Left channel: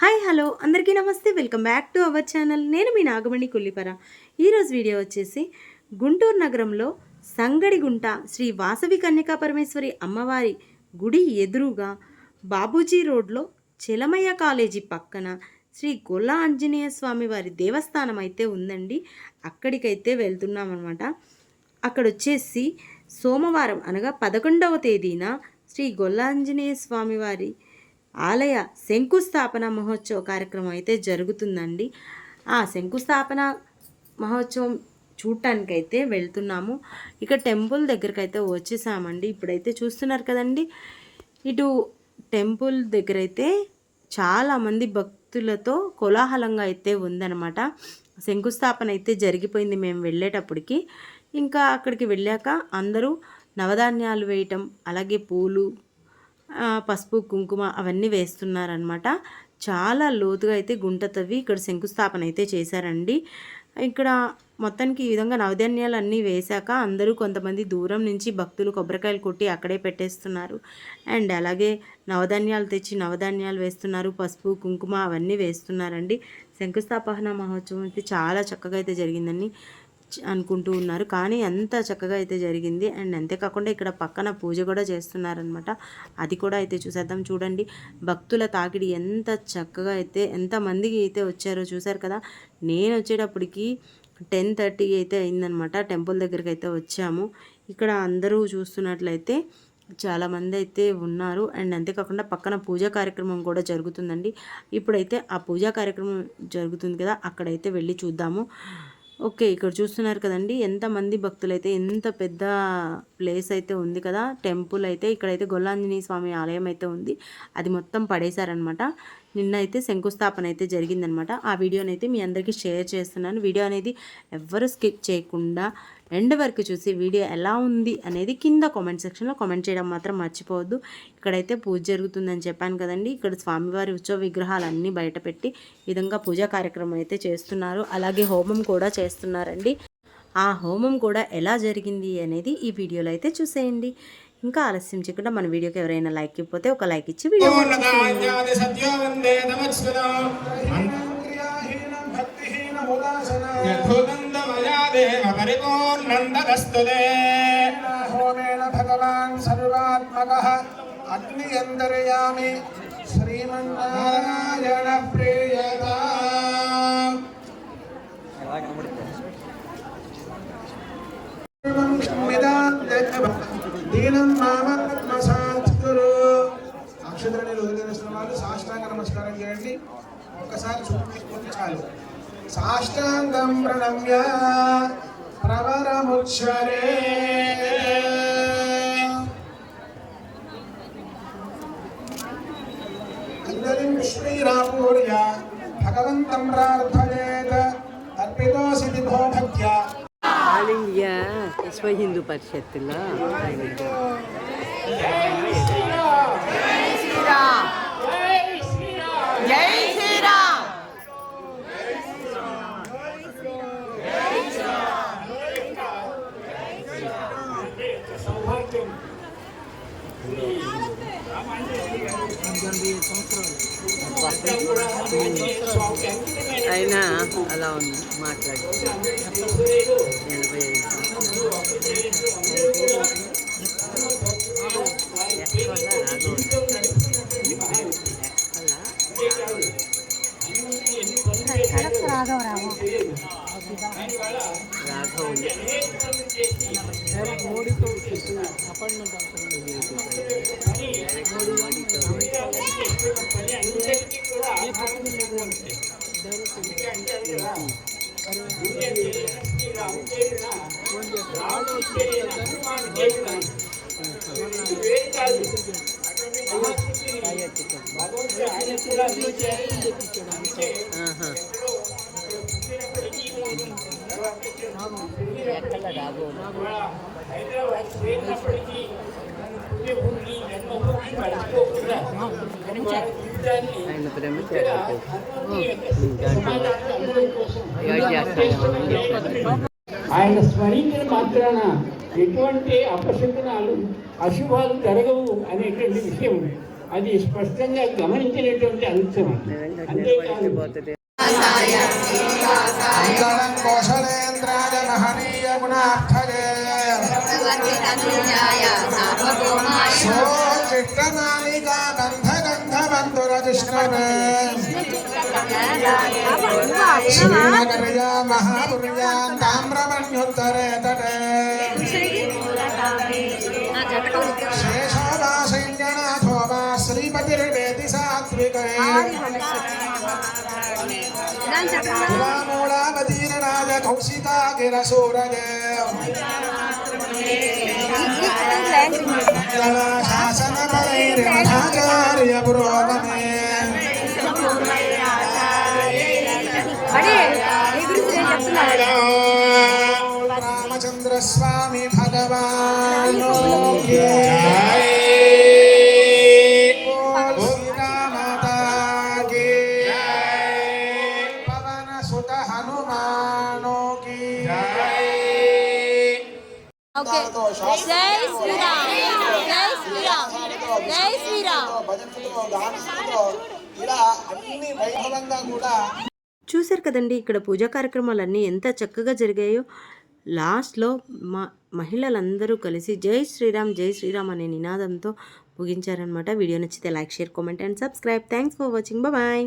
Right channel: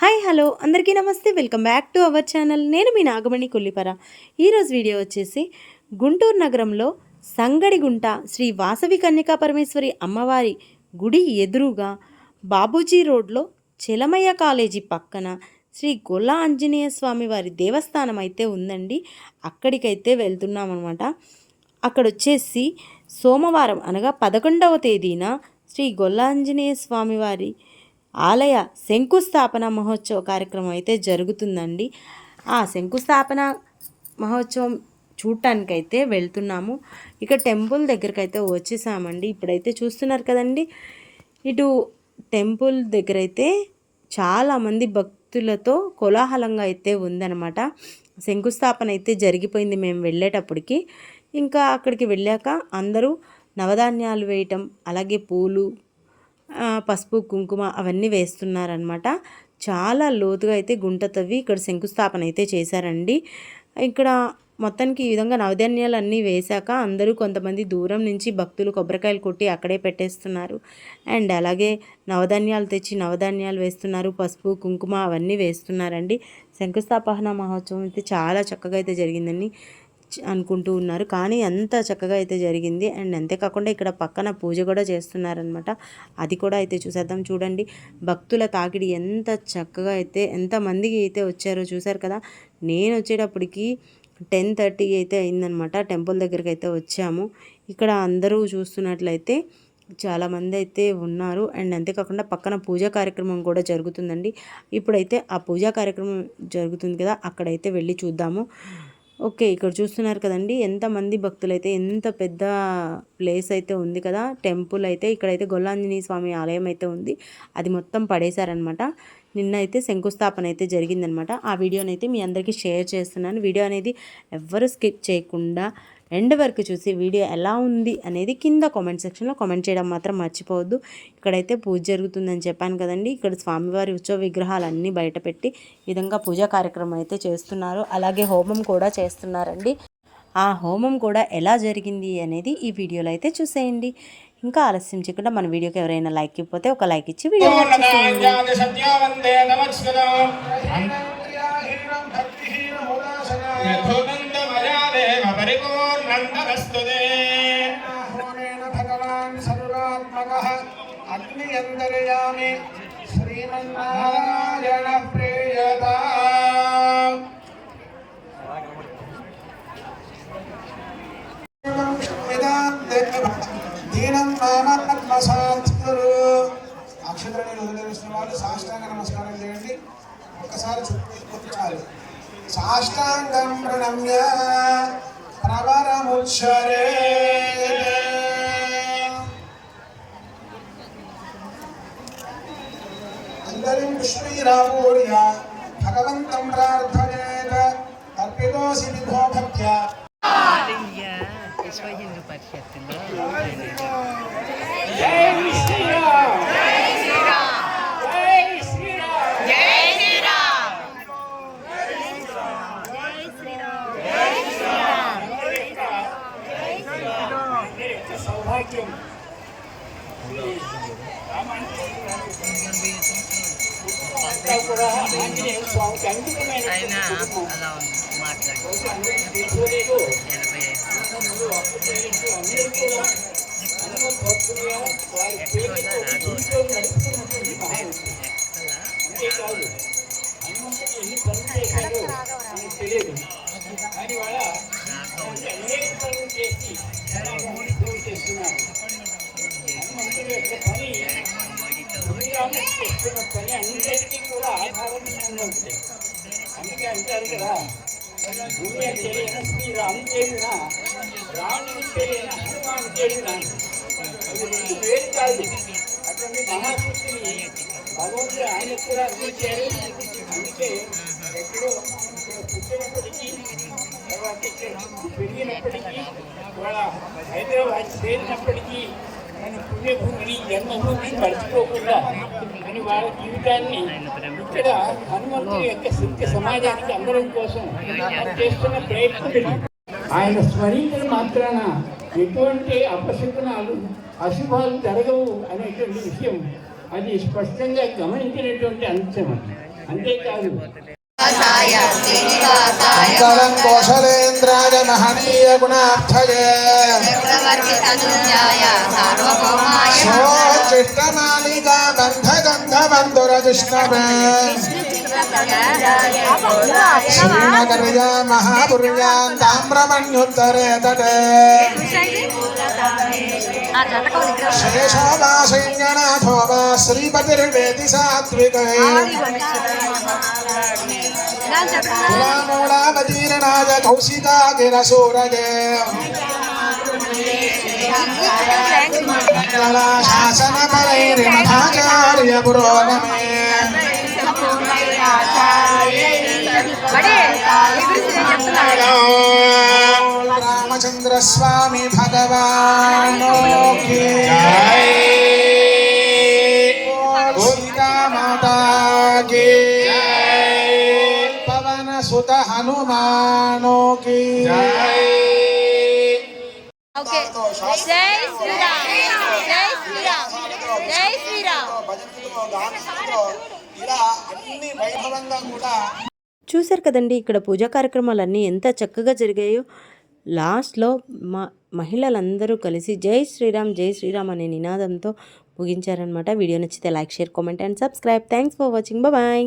Hi hello. అందరికీ నమస్తే. Welcome back to our channel. నేను మీ నాగమణి కొల్లిపర. ఈరోజు వీడియో వచ్చేసి గుంటూరు నగరంలో సంగడిగుంట శ్రీ వాసవి కన్యకా పరమేశ్వరి అమ్మవారి గుడి ఎదురుగా బాబూజీ రోడ్లో చెలమయ్య కాలేజీ పక్కన శ్రీ గొల్ల ఆంజనేయ స్వామి వారి దేవస్థానం అయితే ఉందండి. అక్కడికైతే వెళ్తున్నాం అనమాట అక్కడ వచ్చేసి సోమవారం అనగా పదకొండవ తేదీన శ్రీ గొల్లాంజనేయ స్వామివారి వారి ఆలయ శంకుస్థాపన మహోత్సవ కార్యక్రమం అయితే జరుగుతుందండి. ఆ శంకుస్థాపన మహోత్సవం చూడటానికైతే వెళ్తున్నాము. ఇక టెంపుల్ దగ్గరికి అయితే వచ్చేసామండి. ఇప్పుడైతే చూస్తున్నారు కదండి. ఇటు టెంపుల్ దగ్గర అయితే చాలామంది భక్తులతో కోలాహలంగా అయితే ఉందన్నమాట. శంకుస్థాపన అయితే జరిగిపోయింది మేము వెళ్ళేటప్పటికి. ఇంకా అక్కడికి వెళ్ళాక అందరూ నవధాన్యాలు వేయటం అలాగే పూలు పసుపు కుంకుమ అవన్నీ వేస్తున్నారనమాట చాలా లోతుగా అయితే గుంట తవ్వి ఇక్కడ శంకుస్థాపన అయితే చేశారండి. ఇక్కడ మొత్తానికి ఈ విధంగా నవధాన్యాలు అన్నీ వేశాక అందరూ కొంతమంది దూరం నుంచి భక్తులు కొబ్బరికాయలు కొట్టి అక్కడే పెట్టేస్తున్నారు. అండ్ అలాగే నవధాన్యాలు తెచ్చి నవధాన్యాలు వేస్తున్నారు. పసుపు కుంకుమ అవన్నీ వేస్తున్నారండి. శంకుస్థాపన మహోత్సవం అయితే చాలా చక్కగా అయితే జరిగిందండి. అనుకుంటూ ఉన్నారు. కానీ అంత చక్కగా అయితే జరిగింది. అండ్ అంతేకాకుండా ఇక్కడ పక్కన పూజ కూడా చేస్తున్నారనమాట అది కూడా అయితే చూసేద్దాం. చూడండి భక్తుల తాకిడి ఎంత చక్కగా అయితే ఎంత మందికి అయితే వచ్చారో చూసారు కదా. నేను వచ్చేటప్పటికి టెన్ థర్టీ అయితే అయిందనమాట టెంపుల్ దగ్గరికి అయితే వచ్చాము. ఇక్కడ అందరూ చూస్తున్నట్లయితే చాలామంది అయితే ఉన్నారు. అండ్ అంతేకాకుండా పక్కన పూజా కార్యక్రమం కూడా జరుగుతుందండి. ఇప్పుడైతే ఆ పూజా కార్యక్రమం జరుగుతుంది కదా అక్కడైతే వెళ్ళి చూద్దాము. ఓకే ఇక్కడ చూస్తున్నారు కదండి ఎంతమంది భక్తులు అయితే ఎంత పెద్ద ప్లేస్ అయితే ఉంది కదా టెంపుల్ అయితే ఇక్కడైతే గొల్లాంజనేయ స్వామి ఆలయం అయితే ఉంది. అది మొత్తం పడేశారనమాట నిన్న అయితే శంకుస్థాపన అయితే జరిగిందనమాట ఆ వీడియోని అయితే మీ అందరికీ షేర్ చేస్తున్నాను. వీడియో అనేది ఎవ్వరు స్కిప్ చేయకుండా ఎండ్ వరకు చూసి వీడియో ఎలా ఉంది అనేది కింద కామెంట్ సెక్షన్లో కామెంట్ చేయడం మాత్రం మర్చిపోవద్దు. ఇక్కడైతే పూజ జరుగుతుందని చెప్పాను కదండి. ఇక్కడ స్వామివారి ఉత్సవ విగ్రహాలన్నీ బయట పెట్టి ఈ విధంగా పూజా కార్యక్రమం అయితే చేస్తున్నారు. అలాగే హోమం కూడా చేస్తున్నారండి. ఆ హోమం కూడా ఎలా జరిగింది అనేది ఈ వీడియోలో అయితే చూసేయండి. ఇంకా ఆలస్యం చేయకుండా మన వీడియోకి ఎవరైనా లైక్ ఇవ్వకపోతే ఒక లైక్ ఇచ్చి వీడియో. పూర్ణదాన్యాది పరిపూర్ణందరస్తుతే హోమేన భగవాన్ సర్వాత్మకః అగ్నియంతరయామి శ్రీమన్నారాయణ ప్రియతా. దీనం మామాత్మసాత్కురు అక్షతని రోజున వాళ్ళు సాష్టాంగ నమస్కారం చేయండి. ఒక్కసారి చూపించుకుంటే చాలు. సాష్టాంగం ప్రణమ్య ప్రవరముచ్చరే. అందరిం విశ్వీరామూర్య భగవంతం ప్రార్థయేత తర్పితోసి విభో భక్త్యా ఆల్ ఇండియా విశ్వ హిందూ పరిషత్తులో ఆయన అలా ఉంది మాట్లాడు. ఎనభై ఐదు సంవత్సరాలు. హైదరాబాద్ చేరినప్పటికీ పుణ్యభూమిని జన్మ మర్చిపోకుండా వాళ్ళ జీవితాన్ని ఇక్కడ సమాజానికి కోసం ఆయన స్మరించిన మాత్రాన ఎటువంటి అపశకునాలు అశుభాలు జరగవు అనేటువంటి విషయం. అది స్పష్టంగా గమనించినటువంటి అంశం అంతేకాదు. మంగళం కౌశలేంద్రాయ మహనీయ గుణార్థయే చతుర్జాయ సార్వభౌమాయ చిట్టమాలికా బంధగంధ रामजीर्णाय कौशिकागिरसूरज शासनपरैर्यपुरोगमे बड़े। ఇలా అన్ని వైభవంగా కూడా చూశారు కదండి ఇక్కడ పూజా కార్యక్రమాలన్నీ ఎంత చక్కగా జరిగాయో. లాస్ట్లో మా మహిళలందరూ కలిసి జై శ్రీరామ్ జై శ్రీరామ్ అనే నినాదంతో ముగించారనమాట వీడియో నచ్చితే like share comment and subscribe. Thanks for watching. Bye.